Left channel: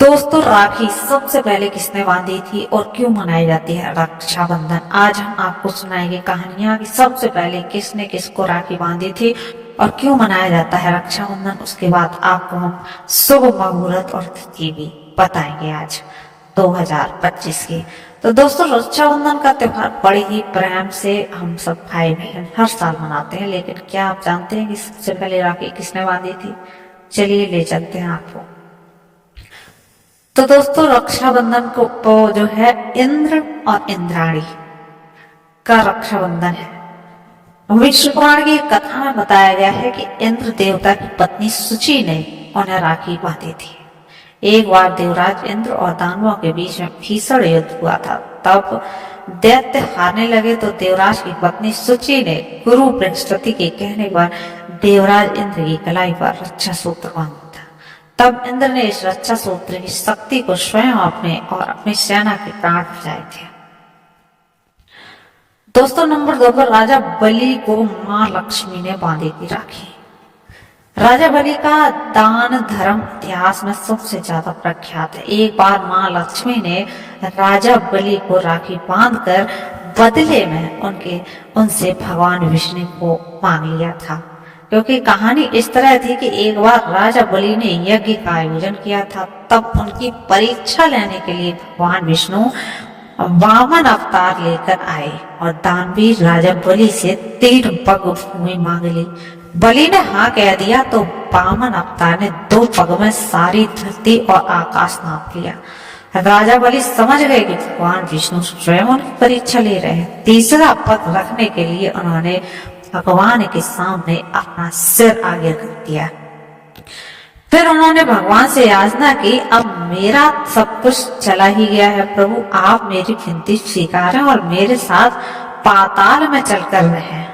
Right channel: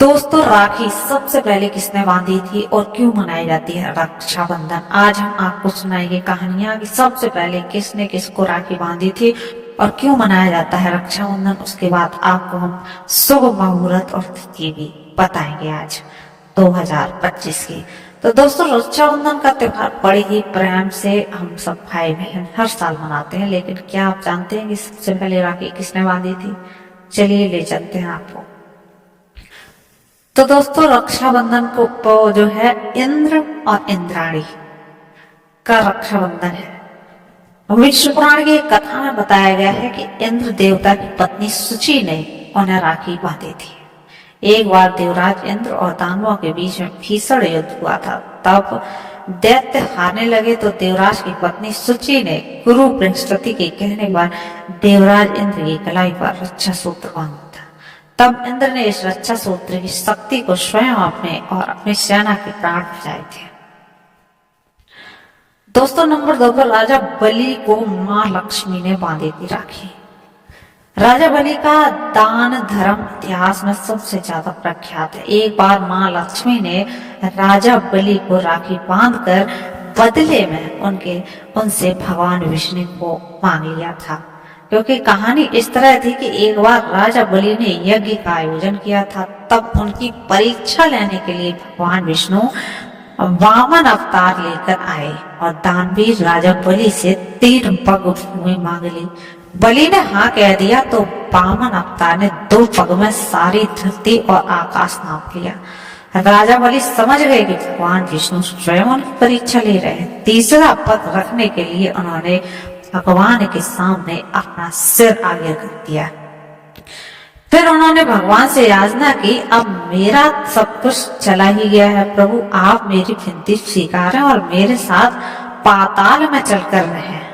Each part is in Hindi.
दोस्तों, राखी सबसे पहले किसने बांधी थी और क्यों मनाई जाती है रक्षाबंधन। आज हम आपको सुनाएंगे कहानियां कि सबसे पहले किसने किसको राखी बांधी थी और क्यों मनाया जाता है रक्षाबंधन। उसके बाद आपको हम शुभ मुहूर्त और तिथि भी बताएंगे आज 2025 की। तो दोस्तों, रक्षाबंधन का त्योहार बड़े ही प्रेम से हम सब भाई बहन हर साल मनाते हैं, लेकिन क्या आप जानते हैं कि सबसे पहले राखी किसने बांधी थी? चलिए ले चलते हैं आपको। तो दोस्तों, रक्षाबंधन को जो है इंद्र और इंद्राणी का रक्षाबंधन है। विष्णु पुराण की एक कथा में बताया गया है कि इंद्र देवता की पत्नी सुचि ने उन्हें राखी बांधी थी। एक बार देवराज इंद्र और दानवों के बीच में भीषण युद्ध हुआ था। तब दैत्य हारने लगे तो देवराज की पत्नी सुचि ने गुरु बृहस्पति के कहने पर देवराज इंद्र की कलाई पर रक्षा सूत्र बांधा। तब इंद्र ने इस रक्षा सूत्र की शक्ति को स्वयं अपने और अपनी सेना के प्राण बचाए थे। दोस्तों, नंबर 2 पर राजा बलि को मां लक्ष्मी ने बांधी थी राखी। राजा बलि का दान धर्म इतिहास में सबसे ज्यादा प्रख्यात है। एक बार मां लक्ष्मी ने राजा बलि को राखी बांधकर बदले में उनसे भगवान विष्णु को मांग लिया था। क्योंकि कहानी इस तरह थी कि एक बार राजा बलि ने यज्ञ का आयोजन किया था। तब उनकी परीक्षा लेने के लिए भगवान विष्णु वामन अवतार लेकर आए और दानवीर राजा बलि से 3 पग भूमि मांग ली। बलि ने हाँ कह दिया तो वामन अवतार ने 2 पग में सारी धरती और आकाश नाप लिया। राजा बलि समझ गए कि भगवान विष्णु स्वयं उनकी परीक्षा ले रहे हैं। तीसरा पग रखने के लिए उन्होंने भगवान के सामने अपना सिर आगे रख दिया। फिर उन्होंने भगवान से याचना की, अब मेरा सब कुछ चला ही गया है प्रभु, आप मेरी विनती स्वीकारें और मेरे साथ पाताल में चलकर रहें।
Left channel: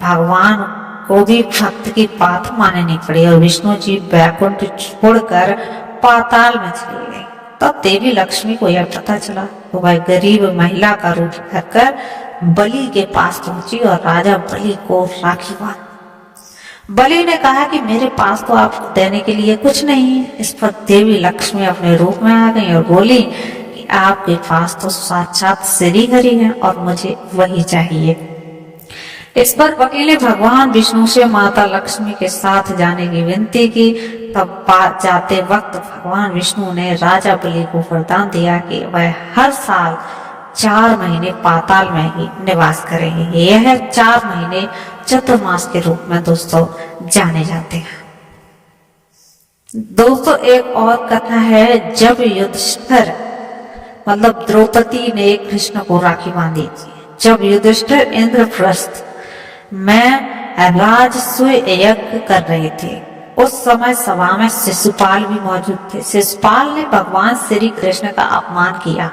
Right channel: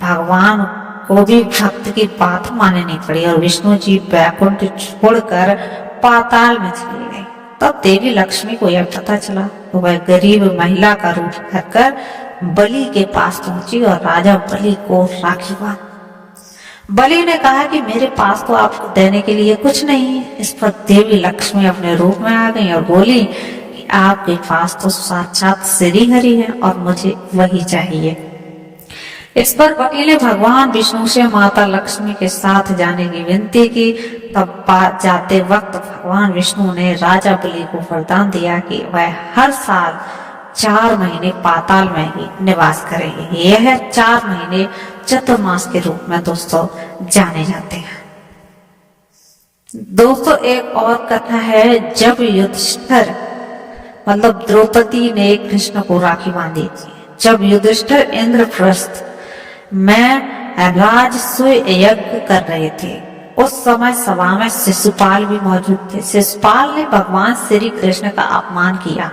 भगवान को भी भक्त की बात माननी पड़ी और विष्णु जी वैकुंठ छोड़कर पाताल में चली गई। तब देवी लक्ष्मी को यह पता चला तो वह गरीब महिला का रूप धरकर बलि के पास पहुंची और राजा बलि को राखी बांधी। बलि ने कहा कि मेरे पास तो आपको देने के लिए कुछ नहीं है। इस पर देवी लक्ष्मी अपने रूप में आ गई और बोली कि आपके पास तो साक्षात श्री हरि है और मुझे वही चाहिए। इस पर बलि ने भगवान विष्णु से माता लक्ष्मी के साथ जाने की विनती की। तब जाते वक्त भगवान विष्णु ने राजा बलि को वरदान दिया कि वह हर साल 4 महीने पाताल में ही निवास करेंगे। यह 4 महीने चतुर्मास के रूप में दोस्तों जाने जाते हैं। दोस्तों, एक और कथा है। जब युधिष्ठिर मतलब द्रौपदी ने कृष्ण को राखी बांधी थी। जब युधिष्ठिर इंद्रप्रस्थ में राजसूय यज्ञ कर रहे थे, उस समय सभा में शिशुपाल भी मौजूद थे। शिशुपाल ने भगवान श्री कृष्ण का अपमान किया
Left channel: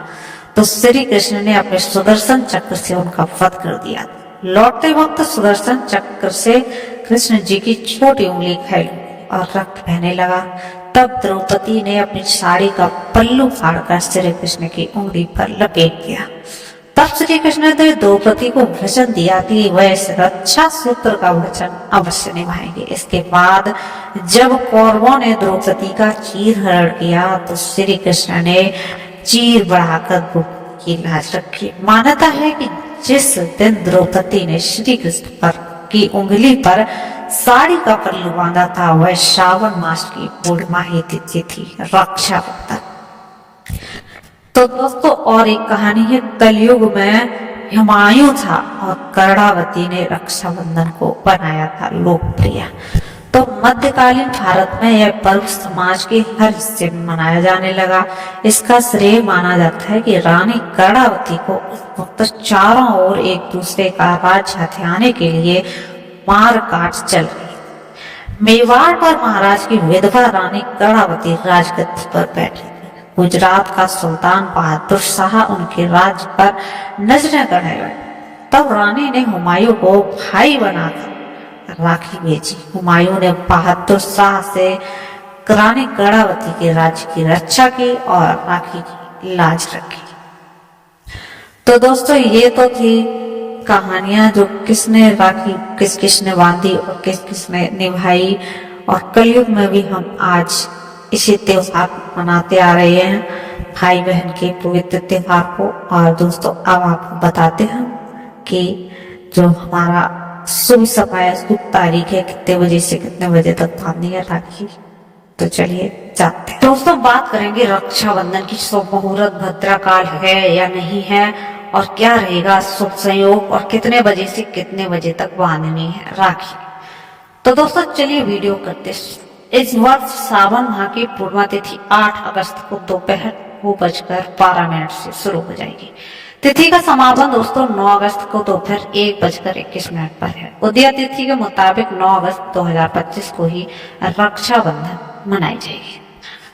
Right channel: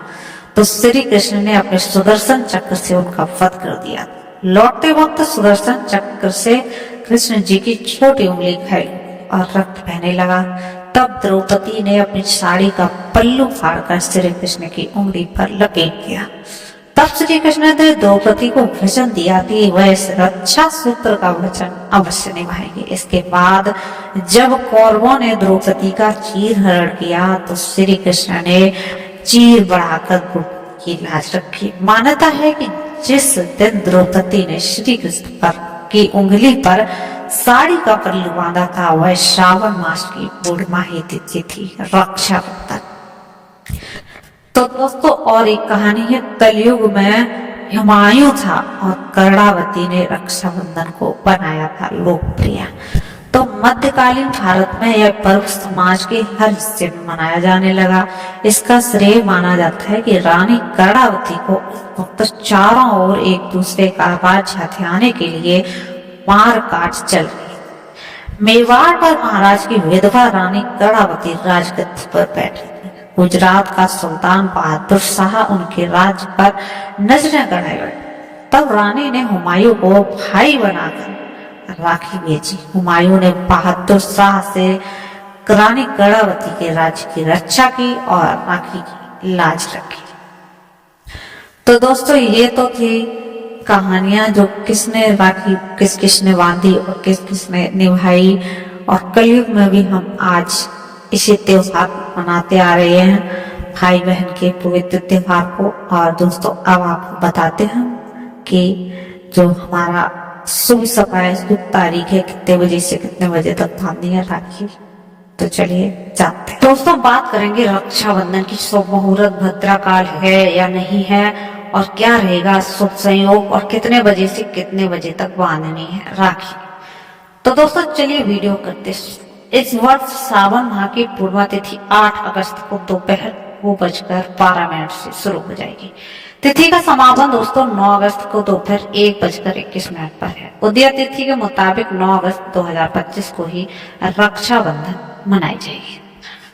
तो श्री कृष्ण ने अपने सुदर्शन चक्र से उनका वध कर दिया। लौटते वक्त सुदर्शन चक्र से कृष्ण जी की छोटी उंगली फैल और रक्त बहने लगा। तब द्रौपदी ने अपनी साड़ी का पल्लू फाड़कर श्री कृष्ण की उंगली पर लपेट दिया। तब श्री कृष्ण ने द्रौपदी को वचन दिया कि वह इस रक्षा सूत्र का वचन अवश्य निभाएंगे। इसके बाद जब कौरवों ने द्रौपदी का चीरहरण किया तो श्री कृष्ण ने चीर बढ़ाकर द्रौपदी की लाज रखी। मान्यता है कि जिस दिन द्रौपदी ने श्री कृष्ण पर की उंगली पर साड़ी का पल्लू बांधा था, वह श्रावण मास की पूर्णिमाही तिथि थी, रक्षाबंधन। तो दोस्तों, और एक कहानी है। कलयुग में हुमायूं था और कर्णावती ने रक्षाबंधन को बनाया था लोकप्रिय। तो मध्यकालीन भारत में यह पर्व समाज के हर हिस्से में मनाया जाने लगा। इसका श्रेय माना जाता है कि रानी कर्णावती को उस वक्त चारों ओर एक दूसरे का राज्य हथियाने के लिए मार काट चल रही। मेवाड़ पर महाराज की विधवा रानी कर्णावती राजगद्दी पर बैठी। गुजरात का सुल्तान बहादुर शाह उनके राज्य पर नजरें गड़ाए बैठे। तब रानी ने हुमायूं को भाई बनाकर राखी भेजी। हुमायूं ने बहादुर शाह से रानी कर्णावती के राज्य की रक्षा की और राखी की लाज रखी। तो दोस्तों, ये तो थी कहानियां जो किसने राखी किसने बांधी और किसने निभाई। और कलयुग में भी हम आज इसी त्योहार मनाते आ रहे हैं, भाई बहन के पवित्र त्योहार को। और दोस्तों अब आपको बताते हैं कि जो हमारा शुभ समय, शुभ तारीख है, कितने बजे से कितने बजे तक बांधनी है राखी। तो चलिए जाते हैं। दोस्तों बात करेंगे रक्षाबंधन की। शुभ मुहूर्त भद्रा काल है या नहीं है, और क्या रहेगा शुभ संयोग, और कितने बजे से कितने बजे तक बांधनी है राखी। तो दोस्तों चलिए वीडियो करते। इस वर्ष सावन माह की पूर्णिमा तिथि 8 अगस्त को दोपहर 2:12 से शुरू हो जाएगी। तिथि का समापन दोस्तों 9 अगस्त को दोपहर 1:21 पर है। उदय तिथि के मुताबिक 9 अगस्त 2025 को ही रक्षाबंधन मनाई जाएगी।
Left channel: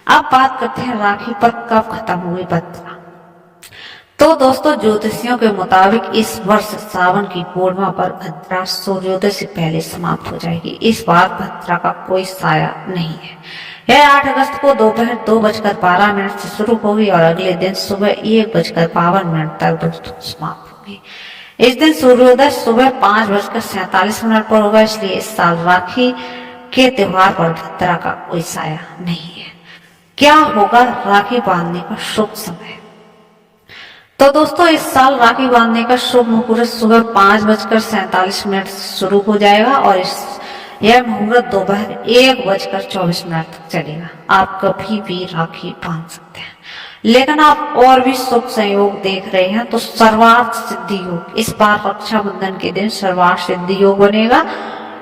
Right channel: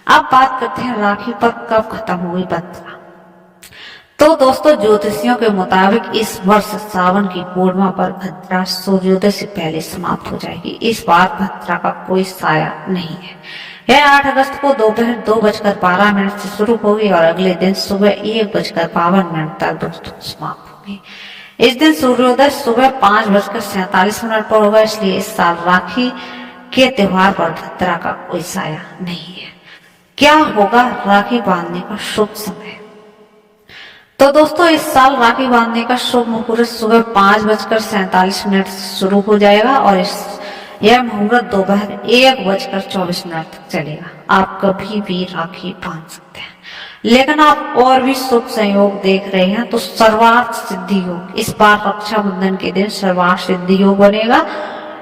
अब बात करते हैं राखी पर कब खत्म हुई भद्रा। तो दोस्तों ज्योतिषियों के मुताबिक इस वर्ष सावन की पूर्णिमा पर भद्रा सूर्योदय से पहले समाप्त हो जाएगी। इस बार भद्रा का कोई साया नहीं है। यह 8 अगस्त को दोपहर 2:12 से शुरू होगी और अगले दिन सुबह 1:52 तक दोस्तों समाप्त होगी। इस दिन सूर्योदय सुबह 5:47 पर होगा, इसलिए इस साल राखी के त्योहार पर भद्रा का कोई साया नहीं है। क्या होगा राखी बांधने का शुभ समय। तो दोस्तों इस साल राखी बांधने का शुभ मुहूर्त सुबह 5:47 से शुरू हो जाएगा और यह मुहूर्त दोपहर 1:24 तक चलेगा। आप कभी भी राखी बांध सकते हैं, लेकिन आप और भी शुभ संयोग देख रहे हैं तो सर्वार्थ सिद्धि योग। इस बार रक्षाबंधन के दिन सर्वार्थ सिद्धि योग बनेगा।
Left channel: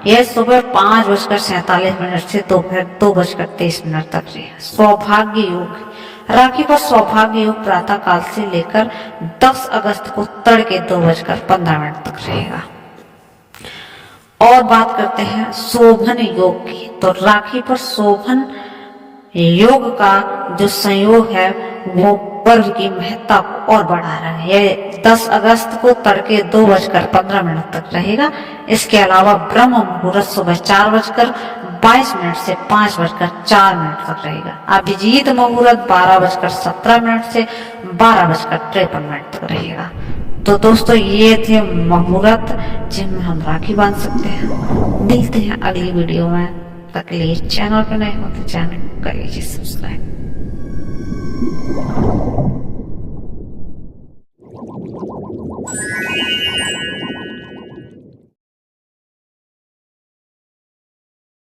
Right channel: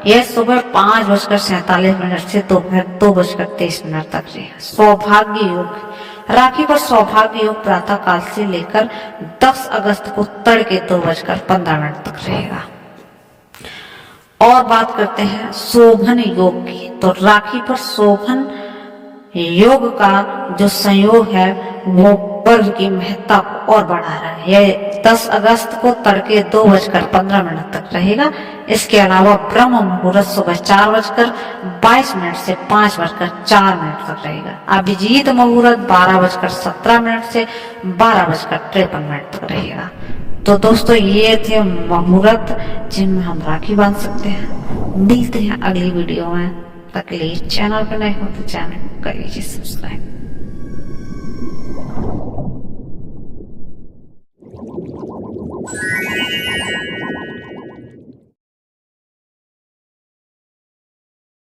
यह सुबह 5:47 से दोपहर 2:23 तक रहेगा। सौभाग्य योग राखी पर सौभाग्य योग प्रातः काल से लेकर 10 अगस्त को तड़के 2:15 तक रहेगा। और बात करते हैं शोभन योग की। तो राखी पर शोभन योग का जो संयोग है वो पर्व की महत्ता को और बढ़ा रहा है। यह 10 अगस्त को तड़के 2:15 तक रहेगा। इसके अलावा ब्रह्म मुहूर्त सुबह 4:22 से 5:04 तक रहेगा। अभिजीत मुहूर्त 12:17 से 12:53 तक रहेगा। तो दोस्तों ये थे मुहूर्त जिनमें हम राखी बांध सकते हैं। मिलते हैं अगली वीडियो में। तक के लिए चैनल पर नए हो तो चैनल कर लीजिए सब्सक्राइब।